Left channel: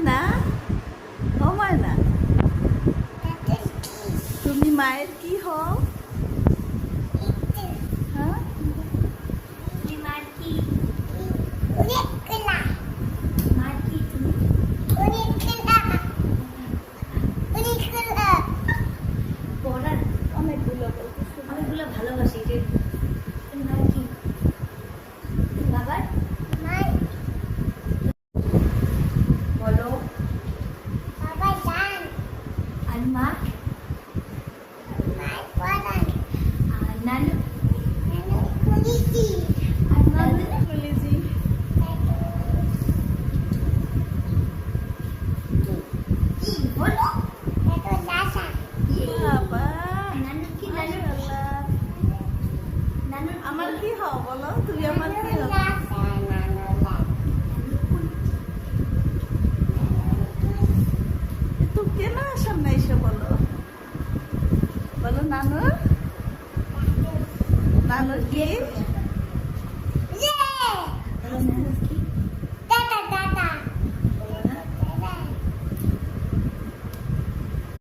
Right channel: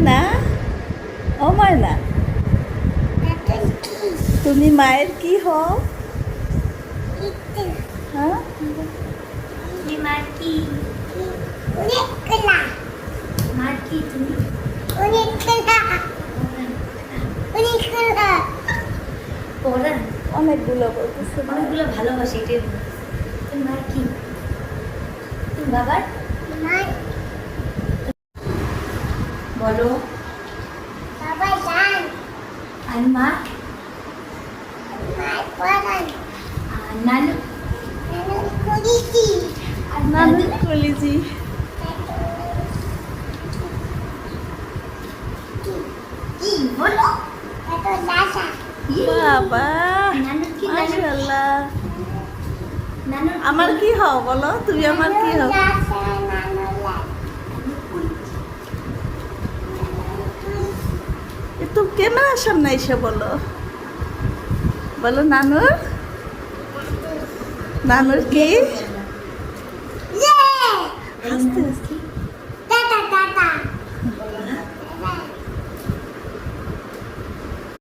ময়না, ও ময়না, তুমি মায়ের কি হও? হ্যাঁ, তুমি মার কি? মার কি তুমি? পড়া অনেকগুলো বলতেছে। অনেকগুলো ভালোবাসি এটাই। তুমি মার কি? তুমি বাবার বলো। আর মা আর নানু আর নানু কলিজি। কি বলো? বাবা, নানুর কি? মাশাআল্লাহ। নানুর আমার কি হও বলো, তুমি আমার কি হও? একটু ক্যামেরার সামনে এসে বলো, বলো নানুর, নানুর কি? আস্তে আস্তে।